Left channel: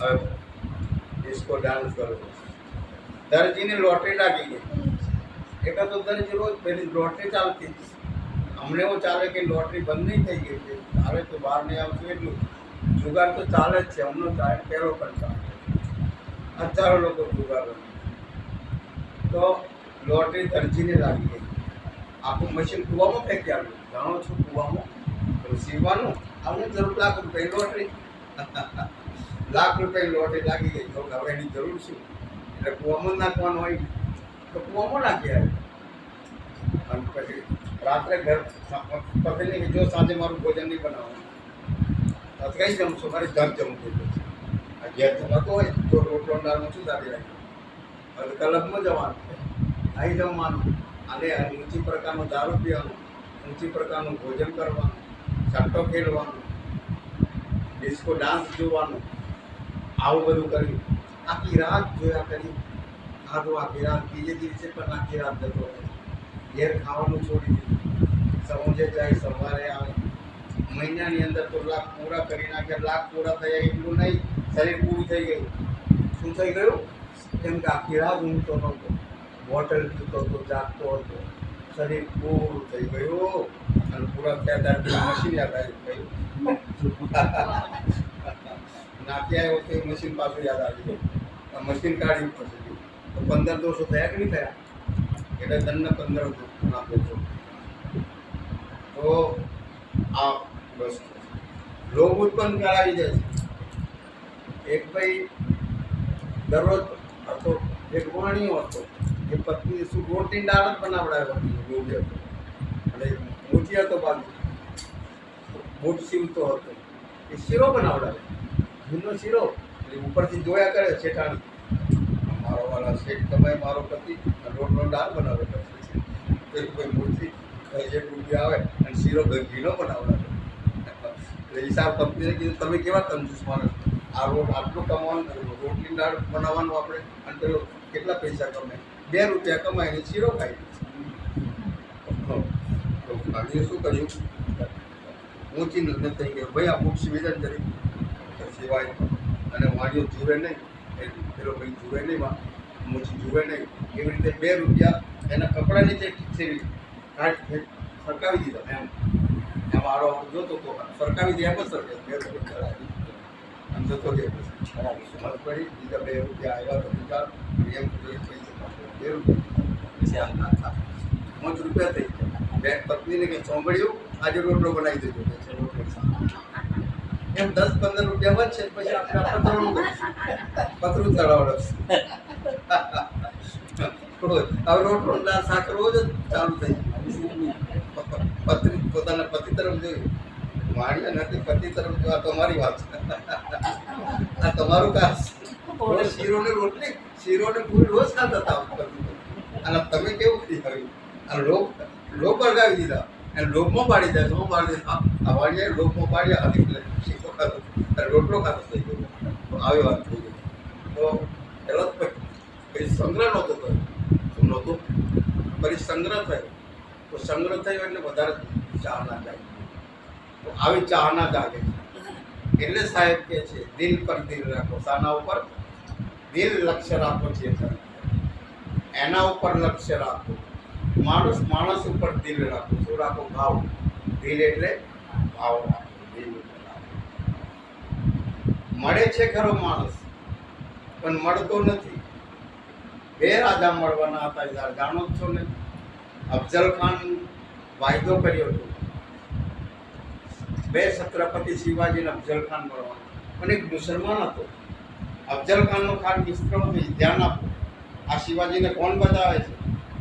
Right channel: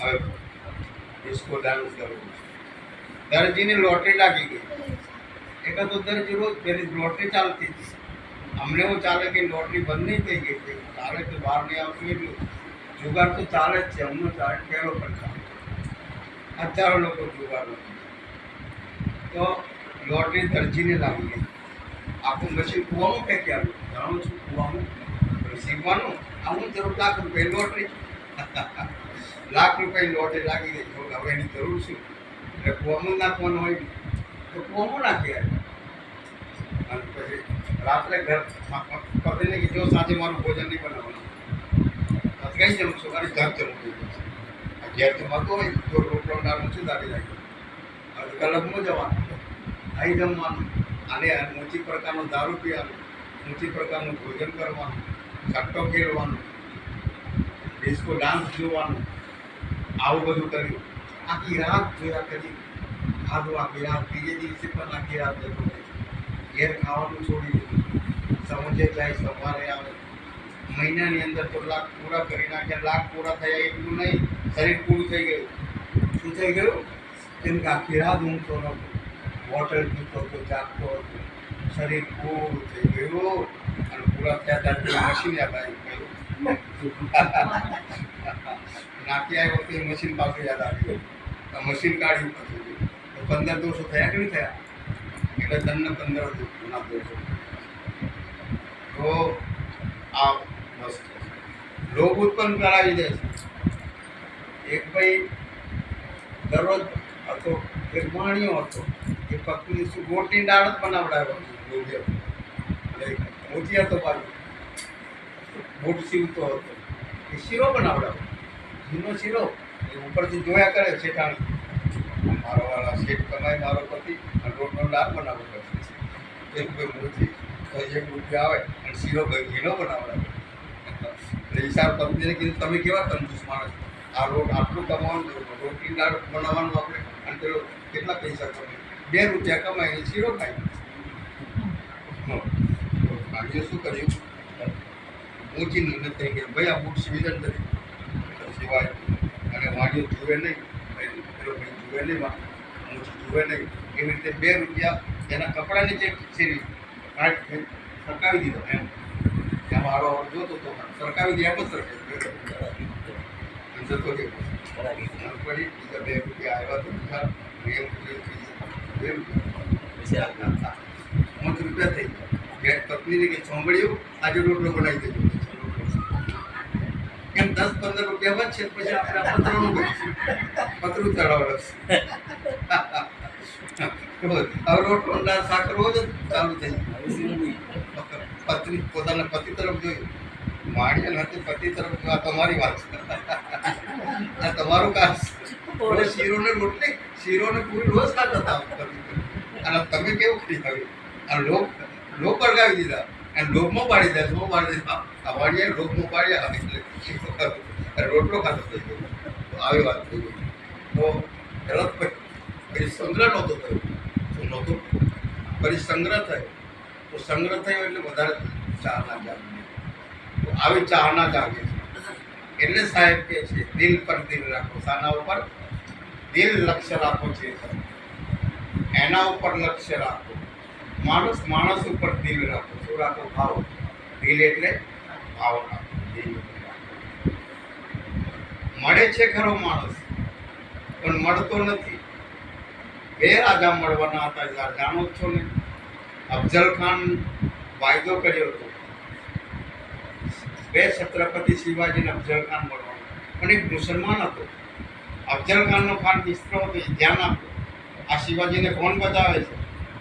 હવે disco dance કરવો. દરજીની lottery લાગી ગઈ. એકાદ તો દરજી રોજ પેલી લોટરી ચાલતી હતી. અમને એવું ચાલે કે લોટરી બંધ નહીં થઈ ગઈ છે, ચાલે તો બહાર નહીં આવતું એટલું. જુગાર તો ચાલે જ છે, અમનો ચાલે પહેલો પણ ચાલે. હજારો લોકો જુગાર રમે. તો લોટરી દરજીને લાગી ગઈ. આખું મશીન કૂવામાં ફેંકી આવ્યું. જાણો છું કૂવામાં સીવવાનું આવું જરૂર લાખ રૂપિયા લોટરી. લાખ રૂપિયાની લોટરી લાગી ગઈ. તો હવે એની જરૂર શું? એટલે કૂવામાં નાખવાનું હોય તો કૂવામાં નાખી આવ્યું. અને પછી રાત્રે ઘર પતિને કે જો સાંજે મારું ભોજન નહીં બનાવવાનું. તો કઈ જમશો? મારે ઘર જમવું થઈ જશે. આ ઘેર જમાતો હોય તો રોટલો દાળમાં શું દાડી રાખી. હવે ક્લબમાં જવાનું, અહીં જમવાનું, અને ઊંચી પ્રકારનો દારૂ પીવાનું, ઊંચી પ્રકારનું ભોજન કરવાનું, સટ્ટો ખેલવાનું, ડિસ્કો ડાન્સ જોવાનું, આવું બધું કર્યું. આખી રાત જોયા કરી. આખી રાત બીજે દિવસે પણ આખી રાત જતો રહે. ઘેર ખાવાનું છોડી દીધું. સમજે જાય સવારે આવે. મહિનાની અંદર તો લાખ પૂરા કરી નાખ્યા. લાખ પૂરા થયા એટલું નહીં, શરીર પૂરું થઈ ગયું. શું થઈ ગયું? કેમ કે આખી રાત ઊંઘતો નહોતો, બોટલ પીતો હતો, જાગતો હતો. શરીર પૂરું થઈ ગયું. અને પૂરા થયા ત્યારે મશીન યાદ આવી ગયું. નાખી આવ્યો તો એ મશીન પાછું યાદ આવી ગયું. મશીન કાઢ્યું પછી તો 15 દોષો થયા કે નહીં થયા? એટલે દંડ 15 ના દોષો. તો આ બસ લોભ ઉત્પન્ન કરાવી દે છે. એક ભાઈ દરરોજ હતો, એક વાણિયો હતો. એ પત્ની શું ગોટની દાળ જ બનાવડાવ્યો લોભી હતો. એટલે મોતી હતો બાજુ, બૂટ સીવતો હતો. એ શીરો બનાવડાવ્યો, ઘીનો શીરો. એ ઉપરથી જોયા કરે શેઠાણી, મારો વાળા શેઠ કમાય મારો પતિ અને રોટનો દાળ બનાવે કરશે. તો એક ભાઈ મોતી 1 રૂપિયા આવે અને શીરો ઘીનો બનાવડાવે. એટલે ઈશાર પત્નીને કીધું તમે કેવા કંજૂસ માણસ, આ આટલું કમાવાનું, રોટલી દાળ બનાવવાનું આપણે, અને પેલો કેટલા પૈસા કમાય? 2 રૂપિયા કમાઈને શીરો ખાઈ. તો ભાગ્ય શું કર્યું? ઊંચી નથી કે ભાઈ આ બુક સિવિઝન કરી સિવાય. અને વાણીઓ જુએ નહીં, પેલો ભાઈ જુએ નહીં, ઊંચી જુએ નહીં. એવી રીતે 2 રૂપિયા એના કપડા નીચે ખીચેરી સરકાવી દીધો. એમ એમાં આડો જોતો તો સરકાવી દે એમ જ સરકે 2 રૂપિયા અને જતો રહ્યો. પડી બીજા 2 રૂપિયા આવ્યા તો બીજા એમ 2 રૂપિયા 5 રૂપિયા થઈ. પત્નીને કે ચોંબડ્યું આજે રોટલો બનાવી દેજો. એમ 10-15 રૂપિયા વધશે પછી આપણે પતરાનું કરીશું, પતરું ચડાવવાનું. હવે રોટલો શાક રોજ જ ચાલુ થઈ ગયું. પત્ની પોતાના પતિ તરફ જોયું, વાણિયા નથી પતિ તરફ જો. આ તમારી વાત છે, આ તમારું કામ. રોજ શીરો ને રોટલી, શીરો ને પૂરી રોજ ખાતા હતા પતિ. અને તમે કેવું કરી આવી? આ લોક અળગાવી દીધા અને લોભમાં પાડી દે. શું પાડી દીધા? આ વાણિયાએ લોભમાં પાડ્યા એટલે રોટલો ખાતો થઈ ગયો. તો આવી વાત થઈ ગઈ. તો પહેલાં પછી સંગ્રહ નહોતો થયો. શું નહોતું? પછી સંગ્રહ થયો. તો સંગ્રહ થયો એટલે વધારે ચાહના જાગે. તો આવી ચાહના જાગે છે. એટલે સાહેબ કે છે દિલ પર દિલ રાખો. શાના ઉપર? દિલ લક્ષ્ય રાખો છે, એના ઉપર લક્ષ્ય રાખો. માણસ ઉપર દિલ રાખો. શું રાખો? ભાવ. દિલ એટલે ભાવ રાખો. દિલ રાખો. મળે છે ખરો માણસ, પણ મળતો નથી. 2 રાજા મળવાના હતા, જાણો જ છો ને. અફઝલ ખાન વાયદો કર્યો હતો, 2 છત્રપતિ શિવાજી ને અફઝલ ખાન મળવાનો. પણ એક મુસલમાન હતો. અફઝલ ખાનનો ખાન મિત્ર હતો. ધ્યાન આપો, આ શિવાજીને કોણ બચાવે છે?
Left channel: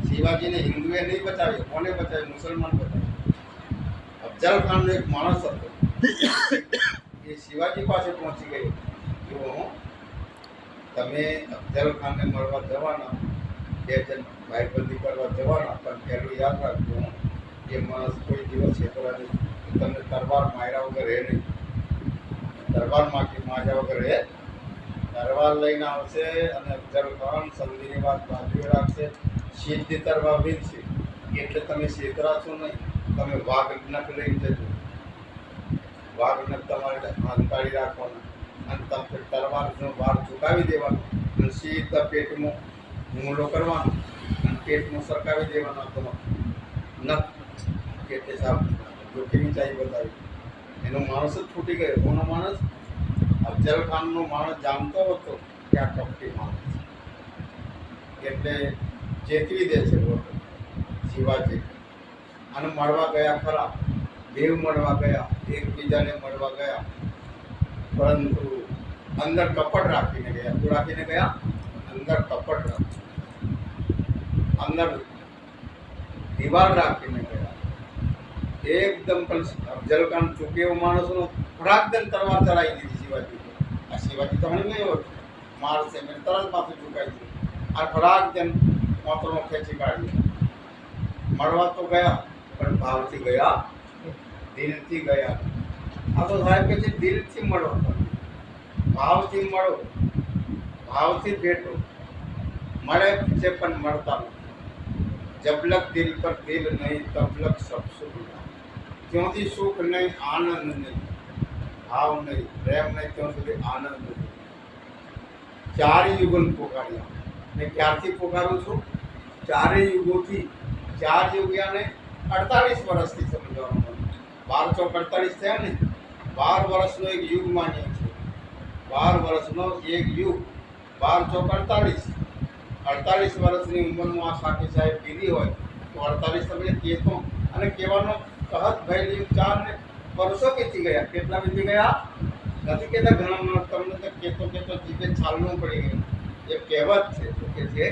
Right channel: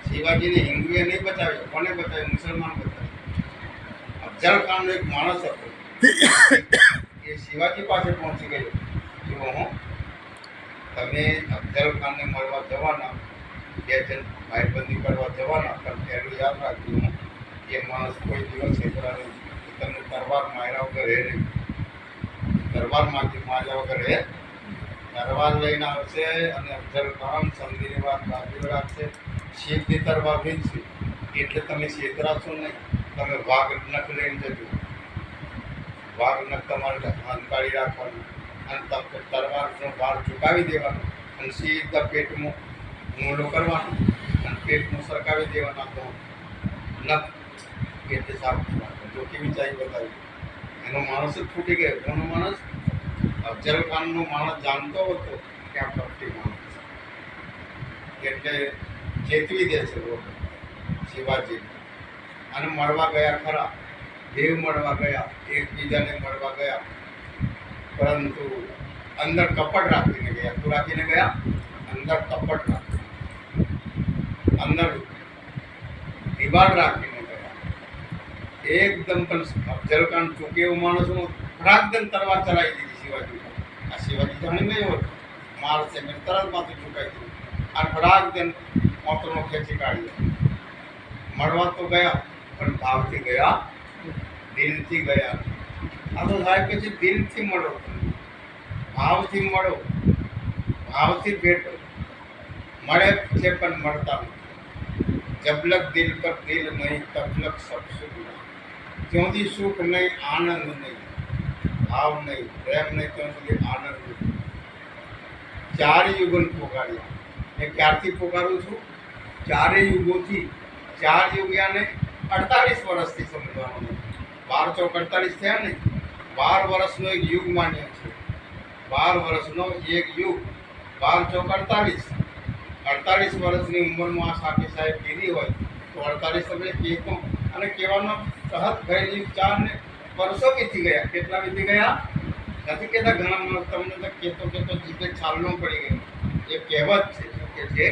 શિવાજીને હિન્દુએ નહીં બચાવ્યો. કોને બચાવ્યો? મુસલમાન બચાવ્યો. અફઝલ ખાનનો એક માણસ હતો, એ શિવાજી પાસે પહોંચી ગયો. જો હું તમે અફઝલ ખાનને મળવા જવાના, 2 જણ ભાઈબંધી કરવા જવાના, પણ પહેલું યાદ રાખજો, એ માણસ કોઈ દિવસ છેતરા નહીં. તમને તરવાર માર્યા વગર રહે નહીં. તરવાર માર્યા વગર રહે. તરવાર લઈને આવશે અને અફઝલ ખાન સમજીની વાત બાજુ રાખશે. સીધી તરવાર વીજશે એટલે તમે છેતરાશો નહીં. તમે વાઘ નખ લઈને જજો. વાઘ નખ તમારે હંકાળી રાખવાનું. અને તલવારનો ભાર ચૂકાવી દેવાનો અને સીધા પેટમાં હુમલો કરવાનો અને પેટમાં સરકાવી દેવાનો તો નખ પેટે સાફ જો કેવી ચાઈ બતાવી એનો માણસ જ ફૂટી ગયો. કોનો માણસ? અફજલ ખાનનો માણસ જાણતો હતો કે આ કપટી માણસ છે એટલે ચેતવી દે છે લોકો શિવાજી અને મળવા ગયા ખરા, દેવ મળવા ગયા, એકબીજાને મળવા ગયા, પરંતુ અંદર કપટ રાખીને ગયા. શું રાખીને ગયા? અંદર કપટ રાખીને, અંદર દિવાલ રાખીને ગયા. એકદમ પણ અફજલ ખાન ચૂકે એવો માણસનો ફટાકદમ તલવાર ચલાવી દીધી શિવાજી. આ શિવાજી તો નહીં ગયો મારશે, મેં તરત માથું ચૂકાવી દીધું. આ ફટાકદમ મોતનો ખેંચી કાઢ્યો. મળવા તો ગયા પણ ભાવથી ગયા, દિલથી ગયા. આ તો સાહેબ કે છે દિલથી મળો, ભાવથી મળો, ભાવથી ભેટો. મળે છે પણ મળતા નથી. જબલક દિલ પર દિલ નહીં તબલક સબ સુખ ના. ત્યાંથી સુખ નહીં, આનંદ નહીં, ભાવ નહીં, પ્રેમ નહીં, ત્યાં સુધી આનંદ નહીં. ચાર યુગન પોકાર્યા. મેં ક્યારથી પોકારું છું? ચારેય યુગોથી. ચાર યુગ્યાને 48 વર્ષથી સમજવાનું. 12 ચોક 48 થયા ને, 12 વર્ષનો એક યુગ માન્ય છે. 12 વર્ષનો એક યુગ, 12 ચોક 48. 48 વર્ષની ઉંમરમાં આ સાકી સાહેબ કીધી હોય તો 48 તમે કહેતો અને કહેવાનો કહત ભયેલી 4 ને વર્ષો વીતી ગયા. કેટલા વીતી ગયા? નથી કહેતા ઘણા માણસ તમને તો કહેતો જીભે છાલનું પડી ગયું. એ કહેવત છે. શું કે છે?